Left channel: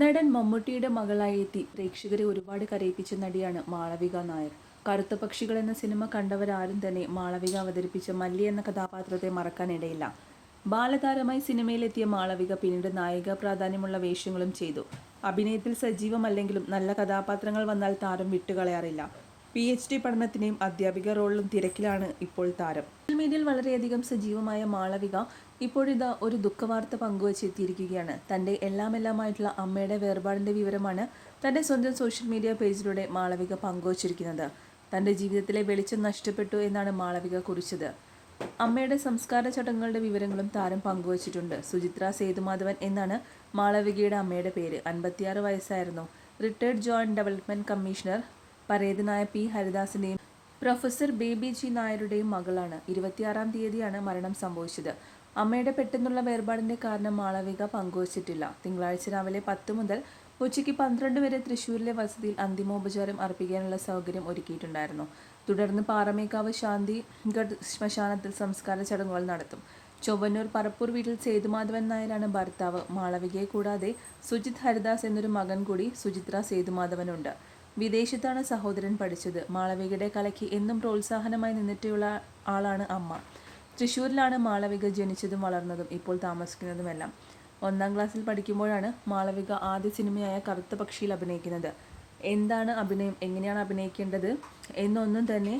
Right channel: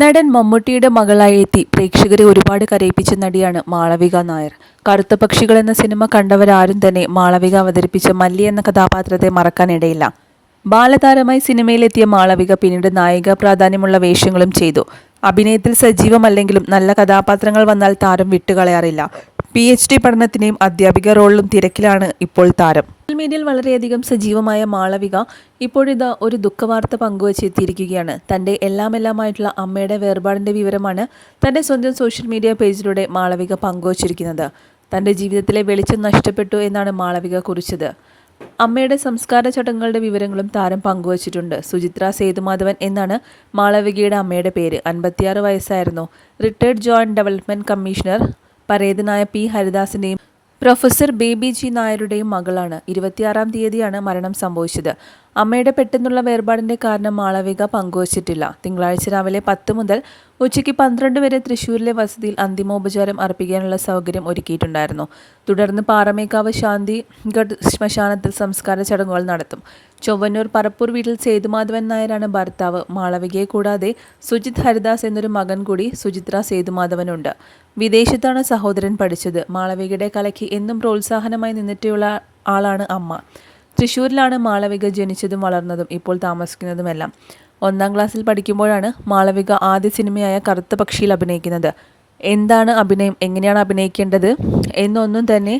നടൻ മമ്മൂട്ടിയുടെ മകളായി എത്തി പ്രേക്ഷകരെ ഒരുപാട് കരയിപ്പിച്ച നടിയാണ് മാളവിക നായർ. കറുത്ത പക്ഷികൾ എന്ന സിനിമ കണ്ടവരാരും തന്നെ മാളവിക അവതരിപ്പിച്ച മല്ലി എന്ന കഥാപാത്രത്തെ മറക്കാനിടയില്ല. ബാലതാരമായി സിനിമയിലെത്തിയ മാളവിക പിന്നീട് നായിക പ്രാധാന്യമുള്ള വേഷങ്ങളും ചെയ്തു. അഭിനയത്തിൽ സജീവമല്ലെങ്കിലും നല്ല കഥാപാത്രങ്ങൾ വന്നാൽ താരം വിട്ടുകളയാറില്ല. PhD പഠനത്തിനെയും അധ്യാപിക റോളിലും തിരക്കിലാണ് ഇപ്പോൾ താരം. സോഷ്യൽ മീഡിയയിൽ വളരെയധികം സജീവമായ മാളവിക ഇപ്പോഴിതാ ഒരു ദുഃഖവാർത്ത പങ്കുവച്ചെത്തിയിരിക്കുകയാണ്. തൻ്റെ എല്ലാമായിട്ടുള്ള അമ്മയുടെ വേർപാടിൻ്റെ വിവരമാണ് തൻ്റെ സ്വന്തം സോഷ്യൽ മീഡിയ പേജിലൂടെ മാളവിക പങ്കുവച്ചിരിക്കുന്നത്. തൻ്റെ ജീവിതത്തിലെ വെളിച്ചം നഷ്ടപ്പെട്ടു എന്നാണ് മാളവിക കുറിച്ചത്. അമ്മയുടെ സംസ്കാര ചടങ്ങുകളുടെ വിവരങ്ങളും താരം പങ്കുവച്ചിട്ടുണ്ട്. സുചിത്ര സേതുമാധവൻ എന്നാണ് മാളവികയുടെ അമ്മയുടെ പേര്. 56 വയസ്സായിരുന്നു. റിട്ടയർഡ് ജോയിന്റ് ഡെവലപ്മെന്റ് കമ്മീഷണർ പരേതനായ P. ഹരിദാസിൻ്റെയും പ്രൊഫസർ ബേബി ജി നായരുടെയും മകളാണ്. 26-ാം തീയതിയാണ് മരണം സംഭവിച്ചത്. അമ്മയുടെ പെട്ടെന്നുള്ള വേർപാടിൻ്റെ കാരണം മാളവിക പങ്കുവച്ചിട്ടില്ല. തിങ്കളാഴ്ച രാവിലെ 10 മുതൽ ഉച്ചയ്ക്ക് 12 വരെ തൃശ്ശൂരിലെ വസതിയിൽ അന്തിമോപചാരം അർപ്പിക്കാനുള്ള സൗകര്യം ഒരുക്കിയിട്ടുണ്ടായിരുന്നു. തുടർന്ന് പാറമേക്കാവ് ശാന്തിഗഡ് ശ്മശാനത്തിൽ സംസ്കാര ചടങ്ങുകൾ നടത്തും. ചൊവ്വന്നൂർ പറപ്പൂർ വീട്ടിൽ സേതുമാധവൻ നായരാണ് ഭർത്താവ്. മാളവികയെ കൂടാതെ സുജിത് ഹരിദാസ് എന്നൊരു മകൻ കൂടി സുചിത്ര സേതുമാധവനുണ്ട്. വിദേശത്താണ് സഹോദരൻ പഠിച്ചത്. മാളവികയുടെ കലയ്ക്ക് എന്നും പ്രോത്സാഹനമായി നിന്നിട്ടുള്ള ആളാണ് അമ്മ. തൃശ്ശൂരിലാണ് മാളവിക ജനിച്ചതും വളർന്നതും ഇപ്പോൾ താമസിക്കുന്നതുമെല്ലാം. 1-ാം ക്ലാസ്സിൽ പഠിക്കുമ്പോഴാണ് മാളവിക ആദ്യ സിനിമയായ കറുത്ത പക്ഷിയിൽ അഭിനയിക്കുന്നത്. എന്താണ് അഭിനയം, എങ്ങനെയാണ് അഭിനയിക്കേണ്ടത് എന്നൊന്നും തന്നെ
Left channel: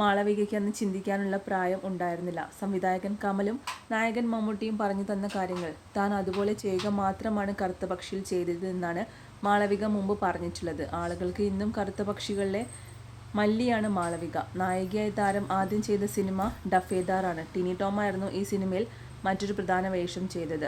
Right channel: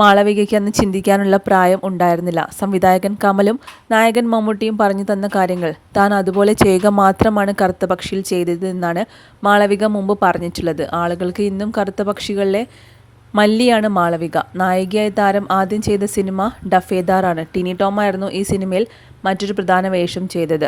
മാളവികയ്ക്ക് അന്ന് ചിന്തിക്കാനുള്ള പ്രായം ഉണ്ടായിരുന്നില്ല. സംവിധായകൻ കമലും നായകൻ മമ്മൂട്ടിയും പറഞ്ഞു തന്ന കാര്യങ്ങൾ താൻ അതുപോലെ ചെയ്യുക മാത്രമാണ് കറുത്ത പക്ഷിയിൽ ചെയ്തതെന്നാണ് മാളവിക മുമ്പ് പറഞ്ഞിട്ടുള്ളത്. ആളുകൾക്ക് ഇന്നും കറുത്ത പക്ഷികളിലെ മല്ലിയാണ് മാളവിക. നായികയായി താരം ആദ്യം ചെയ്ത സിനിമ ഡഫേദാറാണ്. ടിനി ടോമായിരുന്നു ഈ സിനിമയിൽ മറ്റൊരു പ്രധാന വേഷം ചെയ്തത്.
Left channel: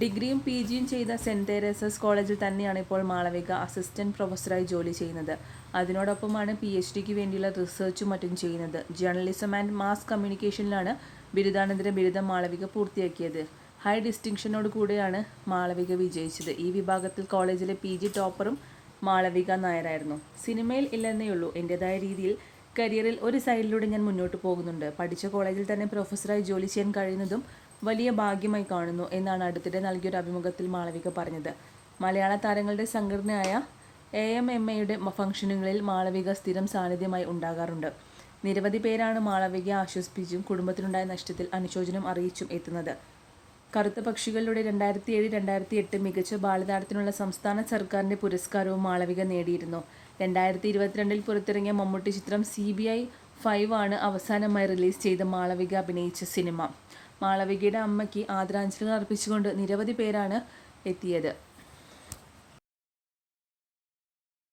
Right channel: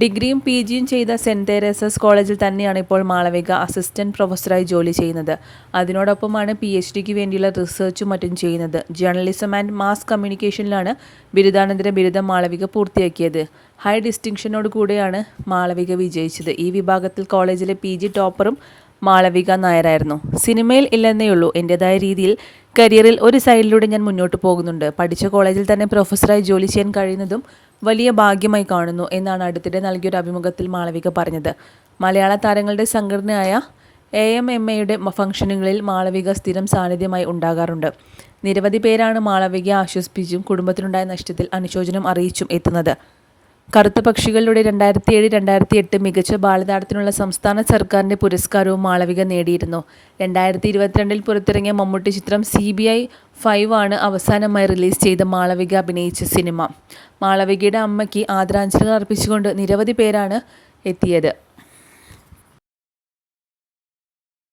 ഡിഗ്രിയും PGയും ചെയ്ത സെൻറ് തെരേസസ് കോളേജിൽ തന്നെയാണ് ഇപ്പോൾ മാളവിക അസിസ്റ്റന്റ് പ്രൊഫസറായി ജോലി ചെയ്യുന്നത്. അതിനോടൊപ്പമാണ് PhDക്ക് വേണ്ടിയുള്ള റിസർച്ചും മറ്റും ചെയ്യുന്നത്. ജേർണലിസം ആൻഡ് മാസ് കമ്മ്യൂണിക്കേഷനിലാണ് ബിരുദാനന്തര ബിരുദം മാളവിക പൂർത്തിയാക്കിയത്. ഹൈ ഡിസ്റ്റിങ്ഷനോട് കൂടെയാണ് മാളവിക വിജയിച്ചത്. ഈ വിഭാഗത്തിൽ കോളേജിലെ PG ടോപ്പറും മാളവിക നായരായിരുന്നു. സിനിമയിൽ ഇല്ലെന്നേയുള്ളൂ, എൻ്റെതായ രീതിയിൽ കരിയറിൽ ഒരു സൈഡിലൂടെ ഞാൻ മുന്നോട്ട് പോകുന്നുണ്ട്. പഠിച്ച കോളേജിൽ തന്നെ പ്രൊഫസറായി ജോലി ചെയ്യാൻ കഴിയുന്നതും വലിയ ഭാഗ്യമായി കാണുന്നു എന്നാണ് അടുത്തിടെ നൽകിയൊരു അഭിമുഖത്തിൽ മാളവിക പറഞ്ഞത്. മലയാള താരങ്ങളുടെ സംഘടനയായ AMMAയുടെ ഫംഗ്ഷനുകളിൽ മാളവിക സ്ഥിരം സാന്നിധ്യമായി ഉണ്ടാകാറുണ്ട്. നിരവധി പേരാണ് മാളവികയെ ആശ്വസിപ്പിച്ചും കുടുംബത്തിനുണ്ടായ നഷ്ടത്തിൽ അനുശോചനം അറിയിച്ചും എത്തുന്നത്. കറുത്ത പക്ഷികളിലൂടെ 2007-2008 മികച്ച ബാലതാരത്തിനുള്ള സംസ്ഥാന സർക്കാരിൻ്റെ പുരസ്കാരവും മാളവിക നേടിയിരുന്നു. 2022 പുറത്തിറങ്ങിയ മമ്മൂട്ടി ചിത്രം CBI 5 ആണ് അവസാനമായി റിലീസ് ചെയ്ത മാളവിക അഭിനയിച്ച സിനിമ. മാളവികയുടെ അമ്മയ്ക്ക് ആദരാഞ്ജലികൾ അർപ്പിച്ചുകൊണ്ട് നിരവധി പേരാണ് എത്തിയത്.